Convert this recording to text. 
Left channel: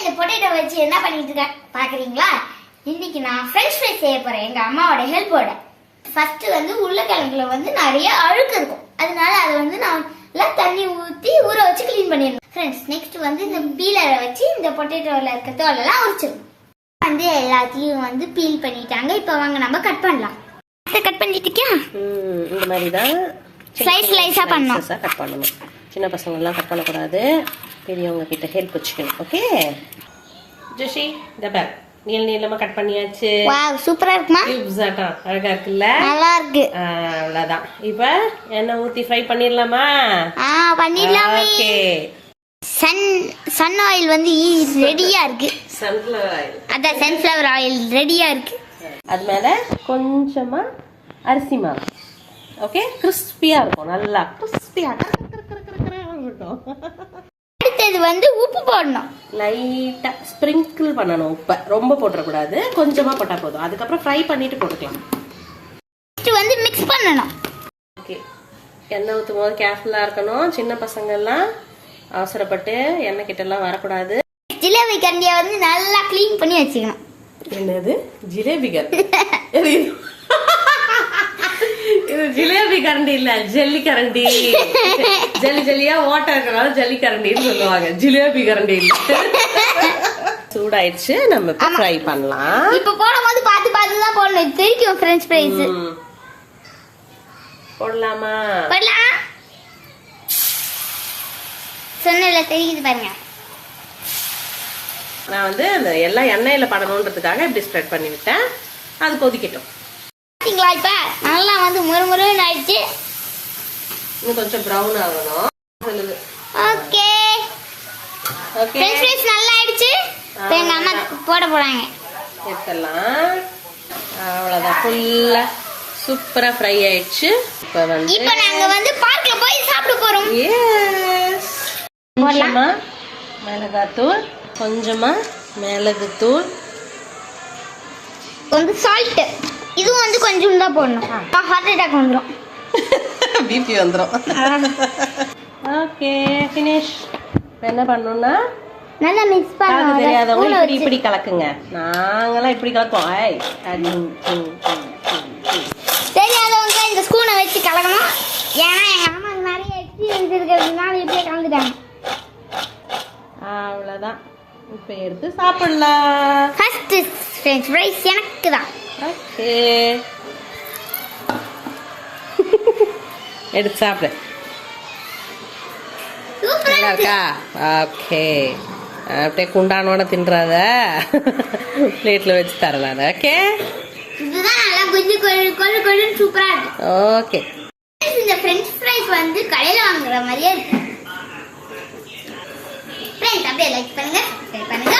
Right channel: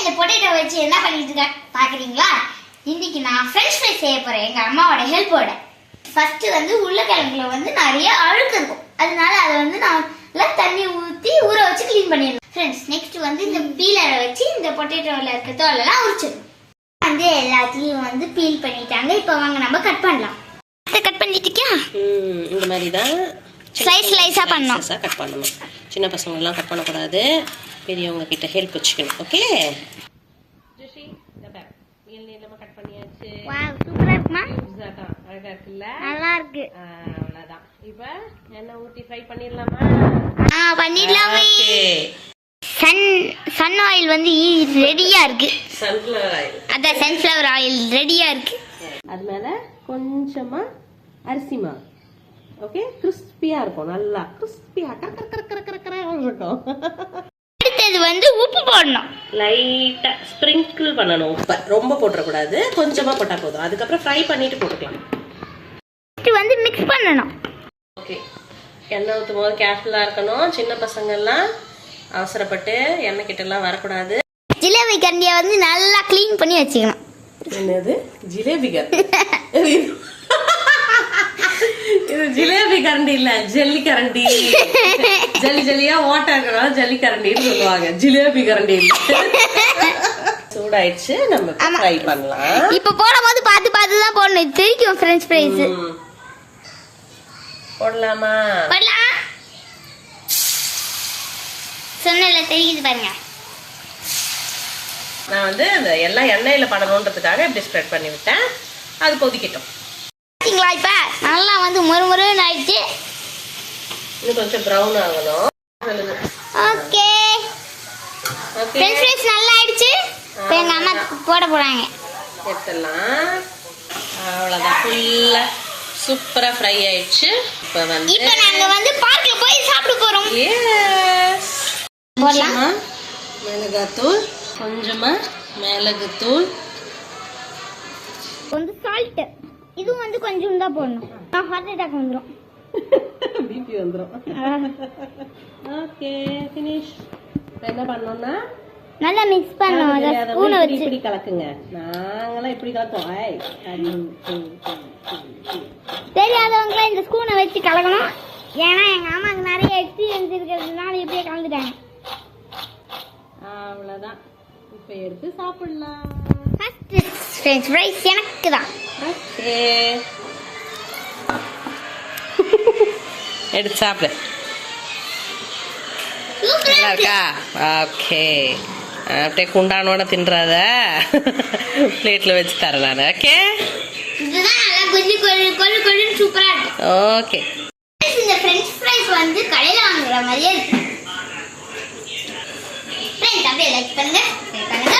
இந்த பொட்டேட்டோ வச்சு என்ன பண்ணிட்டு இருக்க பாக்குறீங்களா? இன்னைக்கு நான் ஃப்ரெஞ்ச் ஃப்ரைஸ் செய்ய போறேன் எங்க அம்மாவோட ஹெல்ப்போட. ஃபர்ஸ்ட் வந்து உருளைக்கிழங்குல வந்து நிறைய அழுக்கு இருக்கும், அதனால அதை வந்து நான் தண்ணி ஊற்றி ஊற வச்சு கிளீன் பண்ணிடுவேன் ஃப்ரெண்ட்ஸ். நெக்ஸ்ட் வந்து இந்த பீலரை வச்சு இந்த பொட்டேட்டோவில் இருக்க தோலெல்லாம் உரிச்சிடும். வந்து எல்லாத்தையும் வந்து பீல் பண்ணிட்டாங்க. இப்போ வாங்க நம்ம கட் பண்ணலாம். கட் பண்ணிட்டியா? இந்த மாதிரி தான் ஸ்லைஸா பண்ணணும். கட் பண்ணணும். சின்ன பசங்கள்லாம் கட் பண்ணக்கூடாது, பெரியவங்க கிட்ட ஹெல்ப் வச்சுக்கணும். ஓகே ஜோஷி, இந்த பேக் நீளமா கட் பண்ணியாச்சு. வாவ் சூப்பரா இருக்குமா? கியூப்ஸாட்டா அழகா இருக்குல்ல? நல்லா இருக்கு. அவ்வளவுதான். இப்போ எண்ணெய் ஊத்தி ஃப்ரை பண்ணிடலாமா? பண்ணிடலாமே. ஓகே. சன் ஆயில் வந்து ரெடியா இருக்கு. Sunflower oil. அதான் சன்ஃப்ளவர் ஆயில் ரெடியா இருக்கு. அது மேல கொஞ்சமா அரிசி மாவு. ஓகே, கிறிஸ்பியா இருக்கும், நல்லா கிறிஸ்பியா இருக்கும். அடுத்தது வந்து உப்பு போடணும். லைட்டா ஸ்ப்ரிங்கிள் பண்ணணும். உப்பு ரொம்ப போடக்கூடாது, கொஞ்சமா போட்டா போதும். அதுக்கப்புறம் ஃப்ரை பண்ணிட்டு போட்டுக்கலாம். இது வந்து மிக்ஸ் பண்ணணும். ஓகே, எண்ணெய் ஊற்றும் போது கேர்ஃபுல்லா இருக்கணும். சின்ன பசங்க எல்லாம் அவசரப்பட்டு எண்ணெய் கிட்ட எல்லாம் வரக்கூடாது. ஜிலேபி கரண்டியை வந்து நல்லா கிளீன் பண்ணி வச்சுக்கணும். என்னது ஜிலேபி கரண்டி? இது ஜிலேபி கரண்டி இல்ல, ஜல்லி கரண்டி. ஜல்லி ஜல்லியா ஓட்ட இருக்கிறனால ஜல்லி கரண்டின்னு சொல்லுவாங்க, ஜிலேபி கரண்டி இல்ல. சூடாயிடுச்சு, நம்ம ஃப்ரை பண்ணலாம். இப்ப போடும்போது பார்த்து பார்த்து தான் போடணும், தெரியும் ஃப்ரெஞ்ச் ஃப்ரைஸ். போடலாமா? போடலாம். சொன்னல தெரியுது பாருங்க. நான் வந்து அந்த எல்லாம் எண்ணெயில படணுன்றதுக்காக இப்படி ஸ்ப்ரெட் பண்ணி விட்டேன். அது கொதிக்கட்டும். பாத்தீங்களா, இப்ப நல்லா வந்து முறுமுறுன்னு ஆயிடுச்சு. இன்னும் கொஞ்சம் ப்ரௌன் ஆகணும். ஓகே ஓகே, ஃப்ரெஞ்ச் ஃப்ரைஸ் நல்லா ஆயிடுச்சு. இப்போ எங்க அம்மா போட போறாங்க. எடுத்துடலாம். அவ்வளவுதான், ஃபுல்லா சூப்பரா ஃப்ரை ஆயிடுச்சு. இப்போ நாங்க வந்து பார்க்ல போய் சாப்பிட போறோம். எஸ், போடலாம். மிளகாத்தூள், கொஞ்சமா மிளகுத்தூள், வந்து சால்ட். இது வந்து கொஞ்சம் தான் போடணும், ஹார்ட் அட்டாக் வந்துரும், பிபி வந்துரும். Okay finish. என்ன பண்ணனும்னா நல்லா மிக்ஸ் பண்ணனும். ஸ்பூன் வச்சு இப்படி கலக்குங்க. நாங்கலாம் இப்படி கலக்குவோம். தெரியாதவங்க இந்த ஸ்பூனை வச்சு கலக்கணும். ஏன்னா எங்க அம்மாக்கு நிறைய எக்ஸ்பீரியன்ஸ் இருக்கிறதுனால இப்படியே கலந்துட்டாங்க. அவ்வளவுதான், இப்போ எடுத்து சாப்பிடலாம். ஃபர்ஸ்ட் ஃப்ரெஞ்ச் ஃப்ரைஸ் எனக்கு தான். ஓகே, எடுத்து சாப்பிடு. நல்லா இருக்கா? ஓகே, அப்படியே குண்டானோட தின்றாத, பிளேட்ல வச்சு தரேன் நான். ஓகே, இதுதான் நல்லா கொஞ்சி கொள்ளு சூப்பரா இருக்கு. ஓகே, இந்த ஃப்ரெஞ்ச் ஃப்ரைஸ் வந்து கடையில வாங்குற மாதிரியே இருக்கு. ஃப்ரெண்ட்ஸ் அப்படியே லைக் பண்ணுங்க, சப்ஸ்கிரைப் பண்ணுங்க,